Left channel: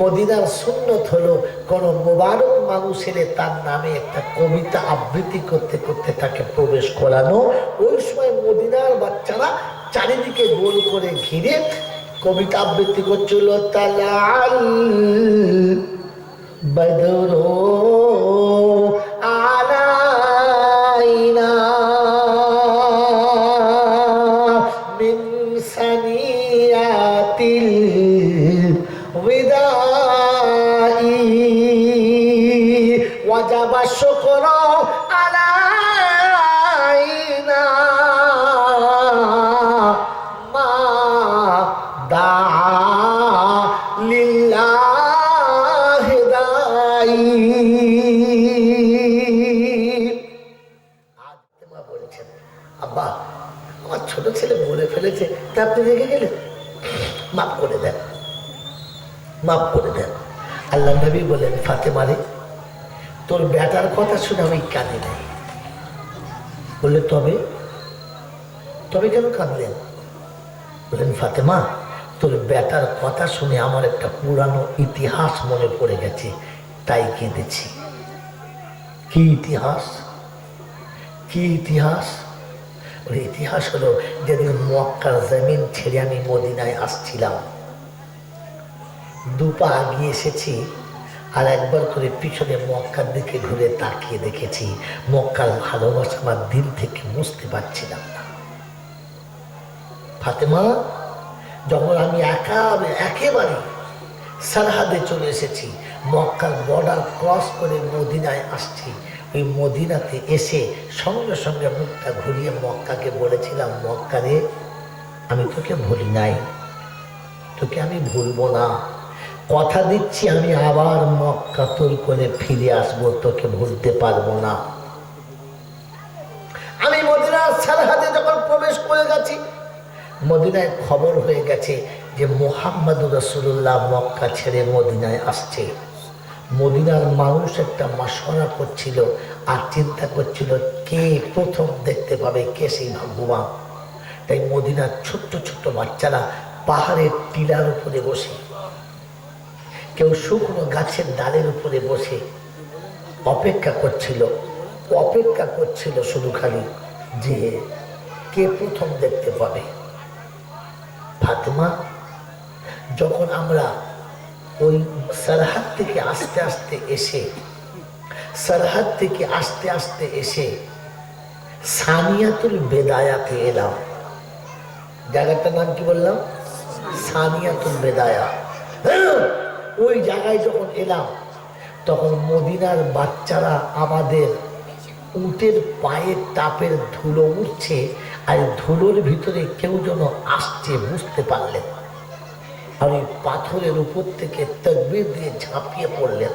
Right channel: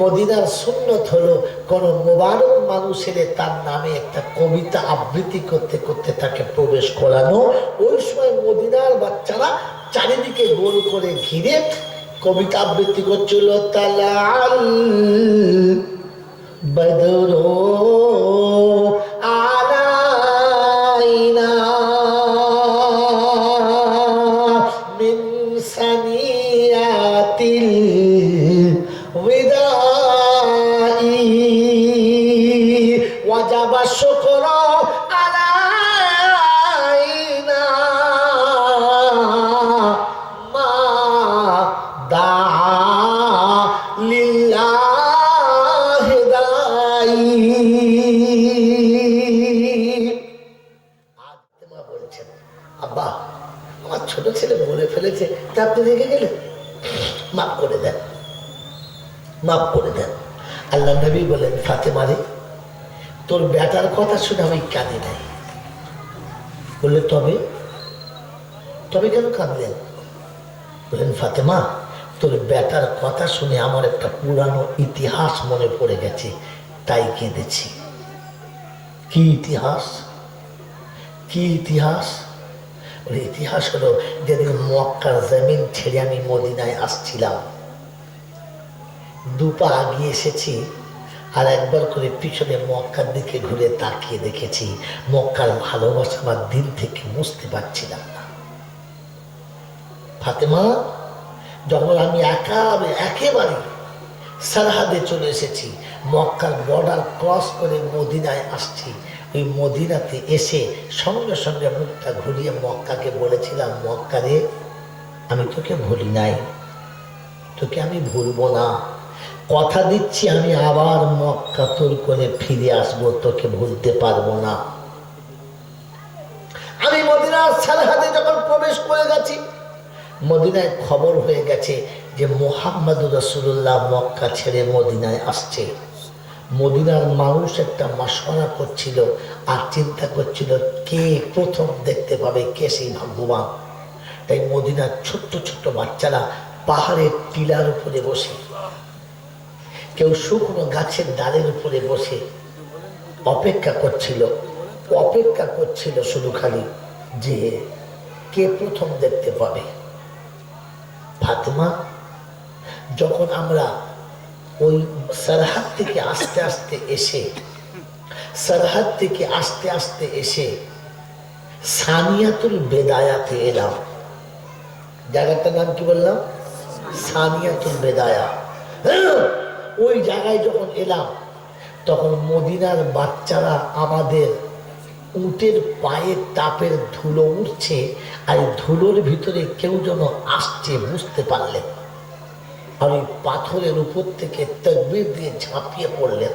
মদিনার সুন্নত হলো কোন মোবারক মানুষের তার নামে একটা কবিতা আবৃত্তি করতে করতে তাকে প্রবেশ করানো। ওই সময় মদিনার বাচ্চারা চারিদিকে গোল করে ঘিরে কবিতা আবৃত্তি করছিল, তালাল বদরু আলাইনা মিন সানিয়াতিল বিদাই ওয়াজাবা শুকরু আলাইনা মা দা লিল্লাহি দাই। আত্মা বলছেন, আব্বা আমার ছোট ছেলে বলে ফেলেছে, তা আপনি রেগে গেলেন, মাফ করে দেন, মাফ করে দেন। আল্লাহ নবী বলেন, ফাতেমা রে, তোর বেটার কথা শুনে আমি কাঁদি নাই। বললে তবে তবে কেন কাঁদলেন? বললেন, ফাতেমা তোর বেটার কথা শুনে আমার একটা পুরানো ইতিহাস মনে পড়ে গেছে, তাই কেঁদেছি। কি ইতিহাস? কি ইতিহাস? ওর ইতিহাস হলো, যেদিন মক্কার জমিন ছেড়ে আমি মদিনায় আসছিলাম, দুপা আগিয়ে এসেছি, আর একবার করে পিছনে মক্কার দিকে ঘুরে তাকিয়ে দেখেছি মক্কার ভালোবাসা আমার দিল থেকে মুছতে পারছিলাম না। ফাতেমা, যখন আমি একেবারে সরহাদে চলে এসেছি, মক্কার বর্ডার ক্রস করে মদিনায় আসছি, ওই মদিনাতে এসে সঙ্গে সঙ্গে মুখটা ঘুরিয়ে মক্কাকে বলেছিলাম, মক্কা রে, আমি তোকে ভুলি নাই, তোকে আমি ভুলবো না, কথা দিচ্ছি আমি আবার মক্কা তোর করে ফিরে আসবো, তোকে ভুলতে পারবো না। আমি মদিনার সরহাদে যখন প্রবেশ করে গেছি, মদিনায় খবর হয়ে গেছে যে মুহাম্মদুর রাসূলুল্লাহ মক্কা ছেড়ে মদিনায় আসছে। মদিনার মানুষ একটা মাশওয়ারা করছিল আর চিন্তা করছিল কে প্রথম দেখতে পাবে, কে সেই ভাগ্যবান। তাই মদিনার ছোট্ট ছোট্ট বাচ্চারা পাহাড়ের টিলার উপরে বসে, কেউ শুকনো গাছের ডালের উপরে বসে অপেক্ষা করছিল শুধু খালি যে কে প্রথম দেখতে পাবে। ফাতেমা, যখন আমরা ওই সরহাদ থেকে আস্তে আস্তে এসে সানিয়াতুল বেদায়াতে এলাম, জায়গাটার নাম কি বললাম? সানিয়াতুল বেদায়া। ওই জায়গায় যখন এলাম, তখন মদিনার বাচ্চারা আমাদের উটের পায়ের তাপের ধুলো উঠছে, আর ধুলোর ভিতরে কেউ যেন আসছে বুঝতে পারলেন, আর ওই পাথরের উপর থেকে তাকবীর দিয়ে ঝাঁপিয়ে পড়লেন,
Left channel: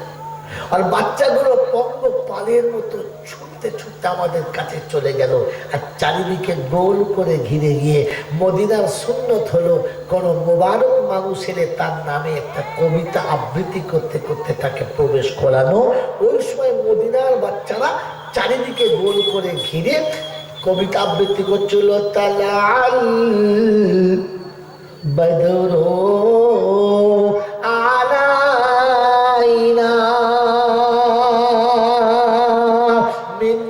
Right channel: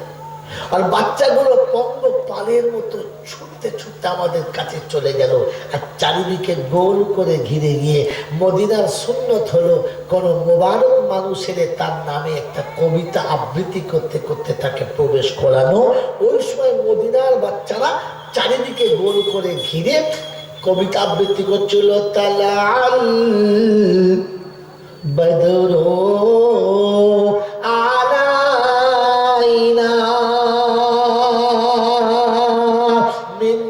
আর বাচ্চাগুলো পঙ্গ পালের মতো ছুটতে ছুটতে আমাদের কাছে চলে গেল, আর চারিদিকে গোল করে ঘিরে গিয়ে মদিনার সুন্নত হলো কোন মোবারক মানুষের তার নামে একটা কবিতা আবৃত্তি করতে করতে তাকে প্রবেশ করানো। ওই সময় মদিনার বাচ্চারা চারিদিকে গোল করে ঘিরে কবিতা আবৃত্তি করছিল, তালাল বদরু আলাইনা মিন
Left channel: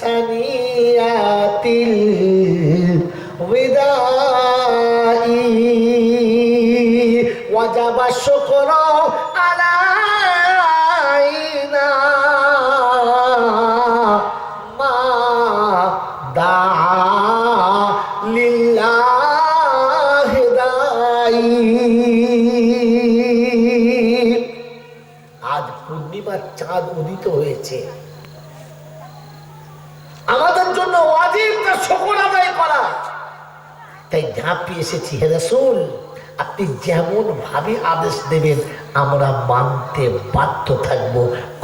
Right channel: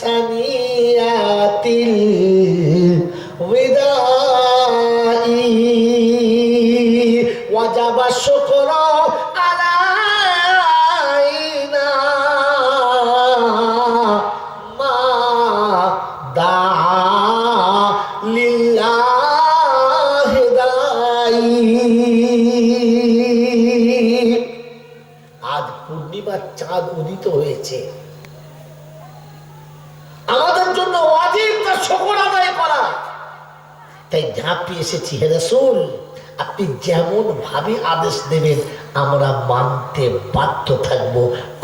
সানিয়াতিল বিদাই ওয়াজাবা শুকরু আলাইনা মা দা লিল্লাহি দাই। আজ পূর্ণিমার চাঁদ উদিত হয়েছে, আমাদের জন্য ওয়াজিব তা শুকর আদায় করা, তাই ঝাঁপিয়ে এসেছি। হে রাসূল, আপনি যেমন ভাবে আদেশ দেবেন আমরা মানতে বাধ্য থাকব,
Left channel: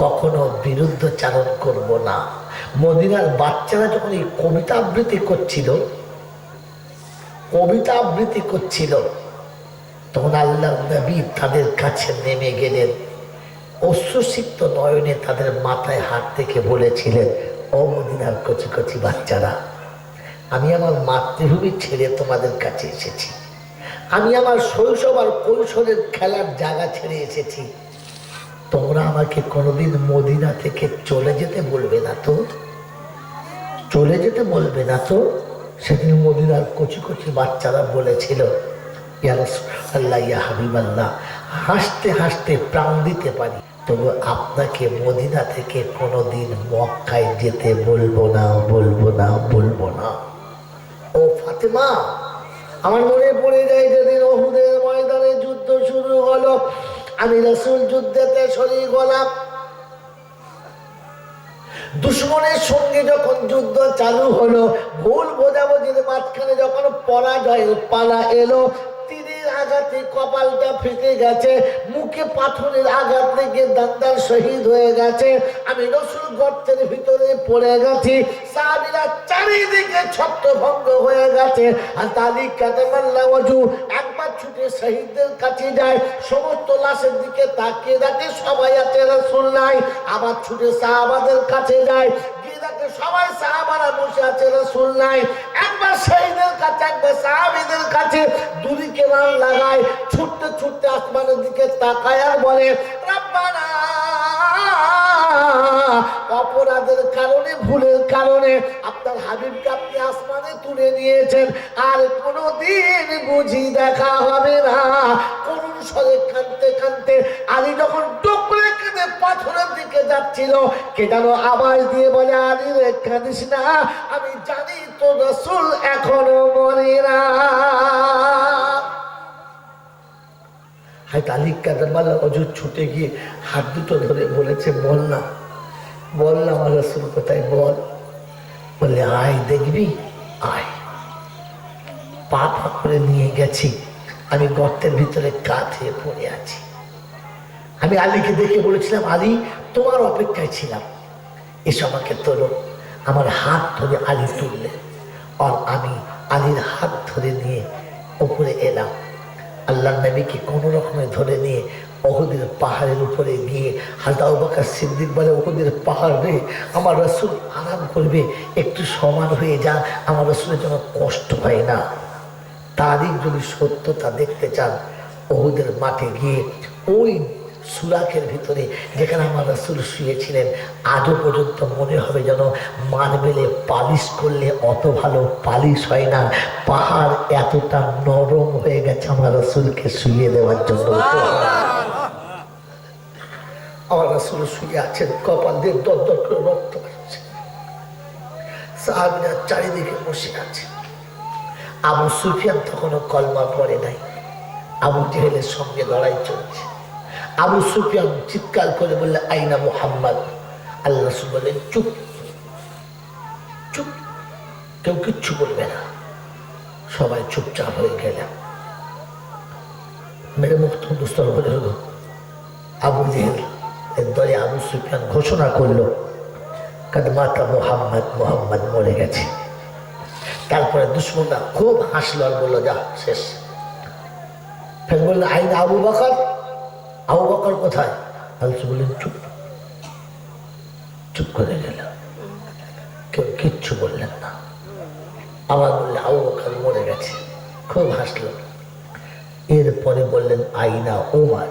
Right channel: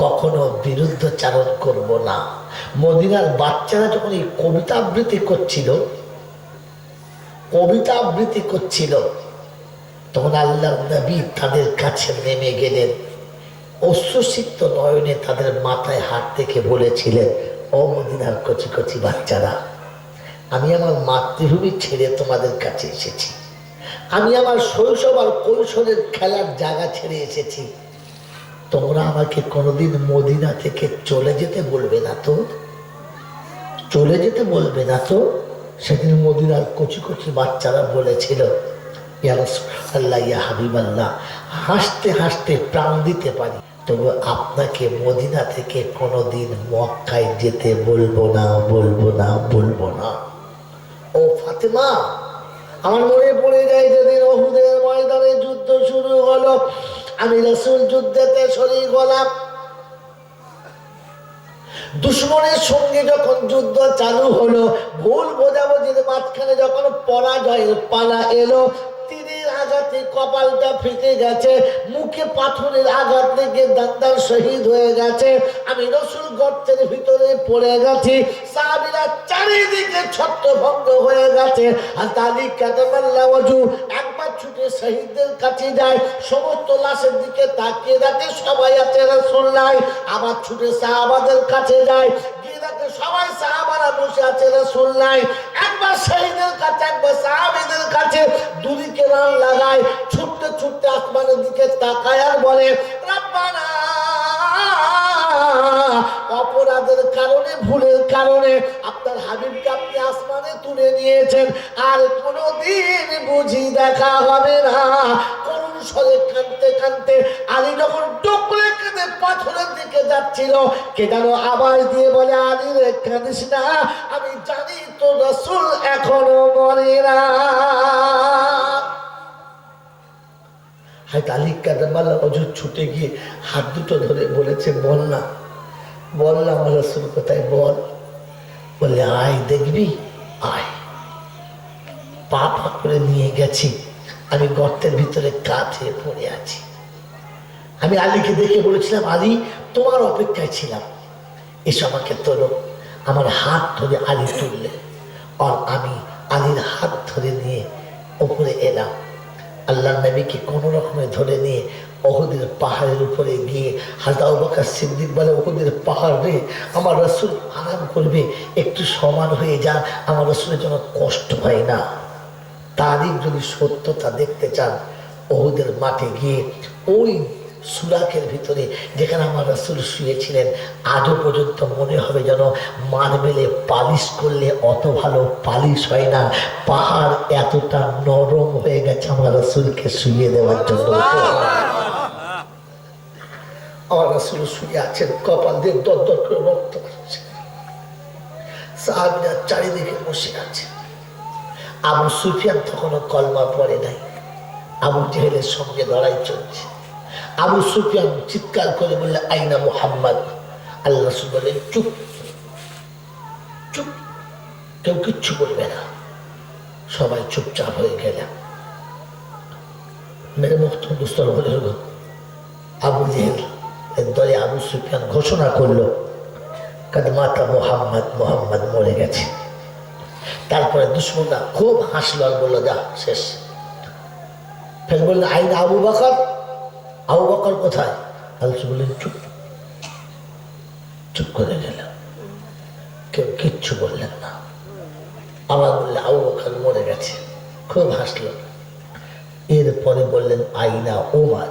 কখনো বিরুদ্ধচারণ করব না। মদিনার বাচ্চারা যখন এই কবিতা আবৃত্তি করছিল তখন আল্লাহর নবী তাদের কাছে নেমে গেলেন, অশ্রুসিক্ত নয়নে তাদের মাথায় হাত রেখে বলেছিলেন, ও মদিনার কচি কচি বাচ্চারা, আমি আমার মাতৃভূমি ছেড়ে তোমাদের কাছে এসেছি, আমি আমার শৈশব আর কৈশোরের খেলার জায়গা ছেড়ে এসেছি। তোমরা আমাকে কোনোদিন মদিনা থেকে চলে যেতে বলবে না তো? চলে যেতে বলবে না তো? সেদিন মদিনার কচি কচি বাচ্চারা বলেছিল, ইয়া রাসূলুল্লাহ, ইয়া হাবিবাল্লাহ, হাসতে হাসতে প্রাণ দিতে পারি, তবে আপনাকে মদিনা থেকে কোনোদিন মক্কায় যেতে বলবো না, বলবো না, বলবো না। ও ফাতেমা, আমার মনে পড়ে যায় যেদিন উহুদের ময়দানে যুদ্ধ শুরু হলো, আমি রাসূল যুদ্ধেতে শরীক হলাম। দুশমনের সঙ্গে যখন যুদ্ধ চালু হলো, ভুল বোঝাবুঝির মাঝখানে যখন পরাজয়ের পালা এলো, তীরের আঘাতে কপালটা ফেটে গেছে, মুখে পাথরের আঘাত লেগে দান্দার শহীদ হয়ে গেছে, আমি রাসূল গর্তের ভিতরে পড়ে গেছি, সাহাবীরা চারিদিকে ছত্রভঙ্গ হয়ে গেছে। আর তালিক কাদামাল্লাহ ওয়াজু একবার ছুটে শহীদদের কাছে যায়, সমস্ত লাশের দিকে তাকিয়ে দেখে সবাই আছে, রাসূল নাই। আবার ছুটে সাহাবাদের কাছে যায়, গিয়ে দেখে সবাই সাহাবারা বসে আছে, রাসূল নাই। একবার শহীদের কাছে, একবার সাহাবীদের কাছে, দুদিকে রান লাগায়, ছুটতে ছুটতে আসমানের দিকে তাকায় আর বলে, রব্বানা, অপরাধের কারণে, ভুলের কারণে আপনার হাবিবকে আপনি আসমানে তুলে নিয়েছেন, আর কোনোদিন বুঝি দেখা হবে না। করুণ স্বরে কাঁদতে কাঁদতে আলী যখন টুকরে কেঁদে পাথরের দিকে যাচ্ছিল, কে যেন আওয়াজ দিয়ে বলে, আলী রে কাঁদিস না, আমি জানি তো রাসূল এখনো মরে না। হায়ত আলী কাদামাল্লাহ ওয়াজু ছুটে গিয়ে হাত দুটো ধরে বলেছে, বল না, বল না আমার রাসূল কোথায়, বল। বলে, আয় দেখবি, আয়। পা পা করে নিয়ে গেছি, আমি গর্তের ভিতরে কাঁধে পড়ে আছি। আমি আলীকে দেখে বলেছিলাম, আলী তোমার অপেক্ষায় ছিলাম, এসো আমাকে তোলো। আমার হাত ধরে আলী তুললে, আর আমি আলীর হাত ধরে নিয়ে উপরে এলাম। আল্লাহর নবীকে কোনো রকমে ধরে নিয়ে উহুদের পাহাড়ের উপরে গিয়ে হযরত আবু বকর সিদ্দিক বলে, উহুদের পাহাড় রে, আমার রাসূল আরাম করবে, একটু সমান হয়ে যান, আমার রাসূলের জন্য কষ্ট হয় না। তারই যদি সত্যতা দেখতে চান, উহুদের মাঠে গিয়ে ওই সুরাকের ভিতরে যেখানে আমার রাসূল শুয়েছিলেন, আজও পর্যন্ত মনে হবে যেন মার্বেলে পালিশ করলে অত ভালো পালিশ হয় না, পাহাড় এতটা নরম হয়ে গেছে আমার রাসূলকে শুয়ে দেওয়ার জন্য। আমার রাসূল শুয়ে আছেন, কপাল দিয়ে দর দর করে রক্ত আসছে, সাহাবীরা চারিদিকে বসে আছে। আবু সুফিয়ান তখনও কলমা পড়ে নাই, আবু জেহেলের সঙ্গে লড়াই চলছে। আবু সুফিয়ান চিৎকার করে বললে, আইনা মুহাম্মদ। আল্লাহ রাসূল বললেন, চুপ চুপ, কেউ কিচ্ছু বলবে না। সবাই চুপচাপ হয়ে গেলাম। মেরে মুখ দুস্তর বলে হলো, আবু জেহেল এর দলে আবু সুফিয়ান ঘোষণা করলো, কাদ মাতা মুহাম্মদ, মুহাম্মদ মরে গেছে। তারপরে দুশমনরা খুব হাসলো আর বললো, যা শেষ। ফের বললো, আইনা আবু বকর, আবু বকর কোথায়? আল্লাহ বললেন, চুপ। চুপ করে গেল, কেউ কিচ্ছু বললেন না। আবার বললে, আবু বকর মরে গেছে। খুব হাসলো। এরপরে বললেন, আইনা ওমর।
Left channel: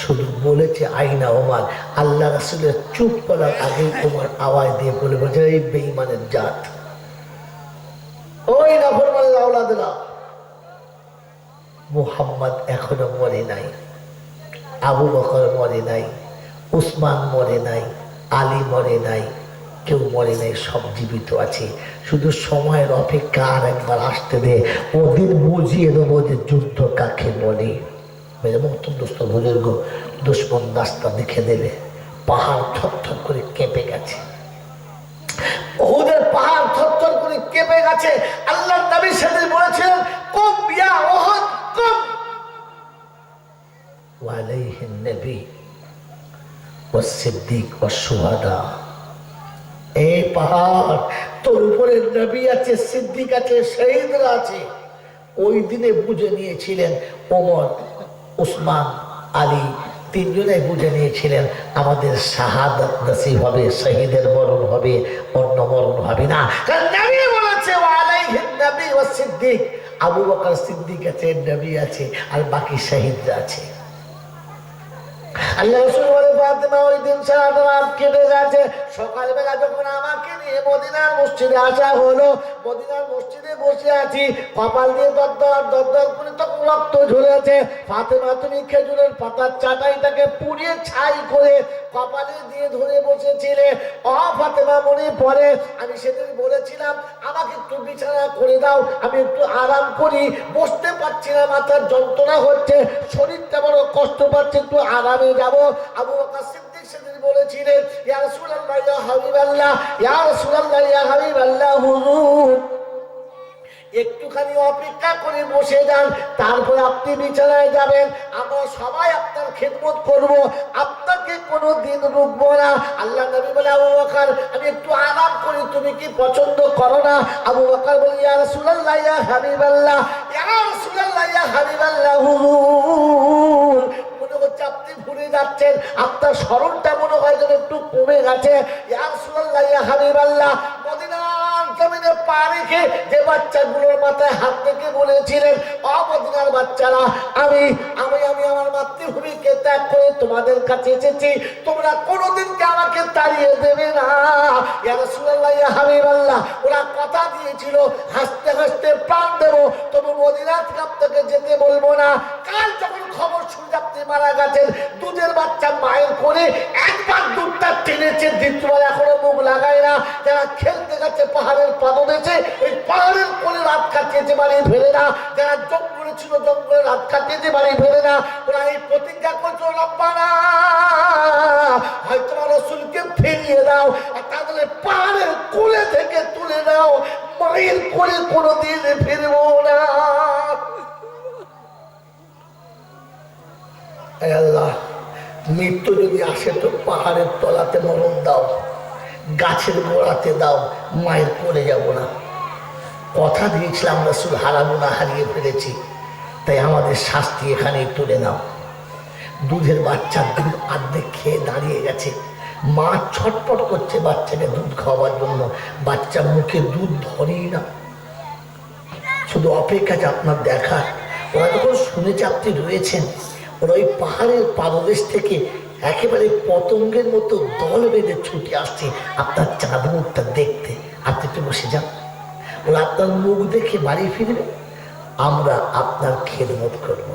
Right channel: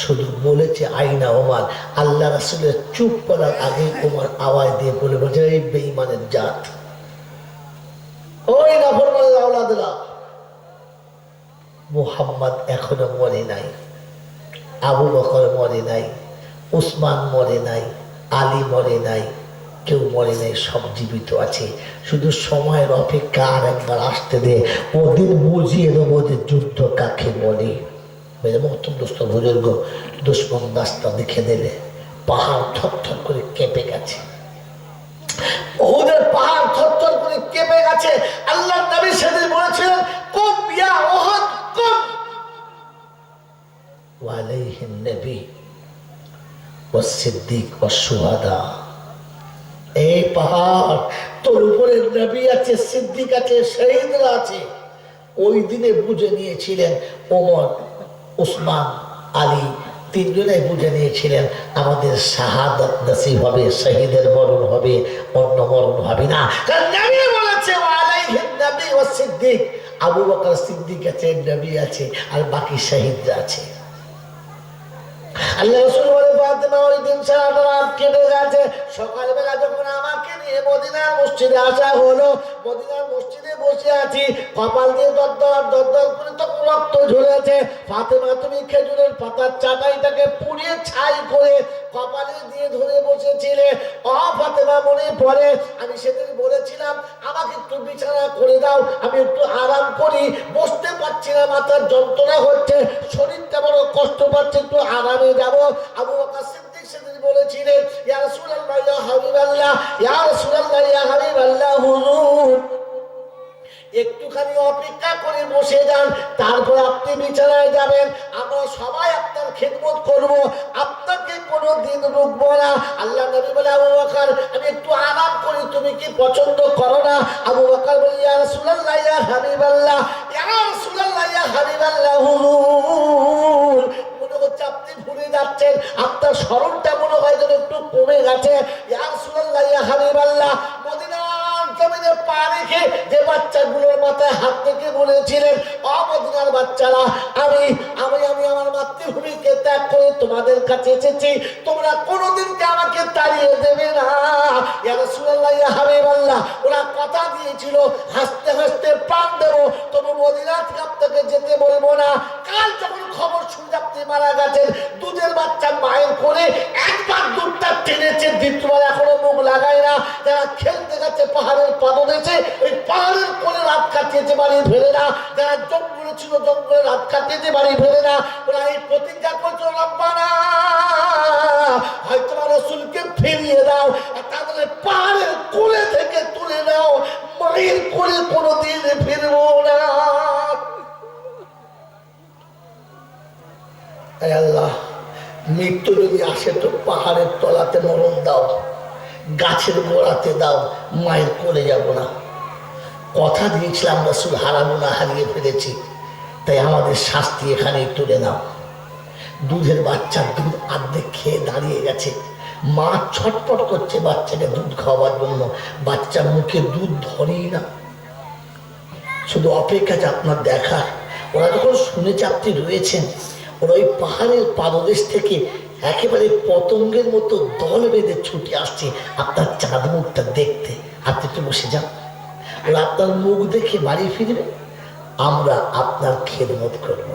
শুধু বলেছে আইনা ওমর, আল্লাহ রাসূলের চুপ করার আগে ওমর আওয়াজ দিয়ে বলে বলছে, এই বেঈমানের জাত, ওই নাফরমানের আওলাদেরা, মুহাম্মদ এখনো মরে নাই, আবু বকর মরে নাই, উসমান মরে নাই, আলী মরে নাই, কেউ মরে নাই, সব জীবিত আছে। শুধু সময়ের অপেক্ষা, আর একবার আসতে দে, ওদিন বুঝিয়ে দেবো যে যুদ্ধ কাকে বলে। মেরে মহতম দোস্ত বুজুর্গ, দুশমন রাস্তা দেখে দিলে, পাহাড় থরথর করে কেঁপে গেছে। উহুদের পাহাড় থরথর করে কেঁপে গেছে। আল্লাহর নবী সেদিন বলেছিলেন, কুম ইয়া উহুদ কুম, ওয়া আলাইহিন নবী ওয়াস সিদ্দিক ওয়াস শুহাদা। এই পাহাড়, তোর উপরে নবী আছে, সিদ্দিক আছে, শহীদরা আছে। ওই দিনে বুঝে নিয়েছিলেন ওমর, উসমান, আলী, তিনজনে বুঝে নিয়েছিলেন আমাদের শাহাদাত নসিব হবে, শহীদের মরণ হবে, অন্য মরণ হবে না। কারণ নবী বলেছে, ওয়া আলাইহিন নবী ওয়াস সিদ্দিক, আবু বকর সিদ্দিক আছে, নবী আছে, আর বাকি শহীদরা আছে। আল্লাহ রাসূল বলে ফাতেমা ওই দিন সারাটা রাত কেটে গেছে। সকালবেলা যখন আমাকে নিয়ে মদিনার মসজিদে আসা হলো, মদিনার মসজিদে বসে আছি, কপাল দিয়ে দরদর দরদর করে তখন রক্ত ঝরেছে। ফাতেমা তুমি খেজুরের পাতার চাটাইটাকে পুড়িয়ে ছাই করে কপালে দিয়ে ধরে বসেছিলে। ফাতেমা মনে পড়ে আমি সেদিন বলেছিলাম আমাকে একটু বিছানা করে দাও, আমি একটু আরাম করি, বসতে পারছি না, মাথার যন্ত্রণা হচ্ছে, শরীরটা বড় কষ্ট পাচ্ছে, একটু আরামে যাব। আবু বকর সিদ্দিক সেদিন বলেছিলেন ইয়া রাসূলুল্লাহ ইয়া হাবিবাল্লাহ, ইয়া রাসূলুল্লাহ ইয়া হাবিবাল্লাহ, হুজুর একটুখানি অপেক্ষা করে বসে যান, তারপর আপনি বিছানায় যাবেন, আমরা সবাই আপনার খেদমত করব, আপনাকে কোনোদিন রুখবো না। আল্লাহ নবী বলে আবু বকর আমি একটু আরাম করি, তুমি কি পছন্দ করো না? আবু বকর বলে ইয়া রাসূলুল্লাহ ইয়া হাবিবাল্লাহ, ইয়া রাসূলুল্লাহ ইয়া হাবিবাল্লাহ, হুজুর মনে হচ্ছে আপনি ভুলে যাচ্ছেন, আপনার স্মরণটা মনে হয় যেন একটু কমে গেছে। ইয়া রাসূলুল্লাহ ইয়া হাবিবাল্লাহ, মদিনার জমিনে পা রেখে যে বাচ্চাগুলোর মাথায় হাত থেকে বলেছিলেন মদিনার বাচ্চারা আমি আমি আমি আমার মাতৃভূমিকে ত্যাগ করে তোমাদের কাছে এসেছি, তোমরা কোনোদিনকে আমাকে তাড়িয়ে দেবে না। ইয়া রাসূলুল্লাহ ইয়া হাবিবাল্লাহ, ওরা কথা দিয়েছিল হাসতে হাসতে প্রাণ দেব, তবু মদিনা থেকে আপনাকে যেতে বলবো না। কাল যখন খবর শুনে আপনি মারা গেছেন, দুধের বাচ্চা মায়ের কোলে একবার দুধটা টেনেছে, দ্বিতীয়বার এখনো মুখ লাগায় না। যারা খেলতে গেছে পাহাড়ের পাদদেশে, ওই পাহাড়ের কোলে রাত কাটিয়েছে, বাড়ি ফেরে না। যারা জঙ্গলে ছিল জঙ্গলে রাত কাটিয়েছে, বাড়ি ফেরে না। ওরা এই প্রতিজ্ঞা করছে রব্বানা হয়তো আমার রাসূলকে ফিরিয়ে দাও, আর তাহলে পাহাড়ের কোলে থেকে তুলে দাও, মায়ের কোলে কোনোদিন ফিরবো না। আল্লাহ মৃত্যু যদি আসে তো পাহাড়ের তলাতে মরণ দাও, গাছের গোড়াতে দাও, মায়ের কোলে যাব না। কথা দিয়েছিলাম রাসূল হারাবো না, হারিয়ে ফেলেছি, তাই আমাদের শাস্তি এখানেই তুলে নাও। দুধের বাচ্চার দুধ অর্ধেক খেয়ে দাঁড়িয়ে গেছে, মা ছটফট করছে বাচ্চাকে দুধ খাওয়ার জন্য, বাচ্চা মুখে দুধ ধরেই না, শুধু অপেক্ষা যে আপনার দেখার। ওরা যখন শুনেছে আপনি রয়েছেন, ওরা ওই পাহাড়ের পাদদেশ থেকে একেবারে পতঙ্গের মতো দল বেঁধে ছুটে আসছে আপনার চাঁদ মুখটা দেখতে। আপনি একটু বসে যান, ওরা আপনার মুখ দেখে বাড়ি ফিরবে, আমরা আপনার খেদমত করবো।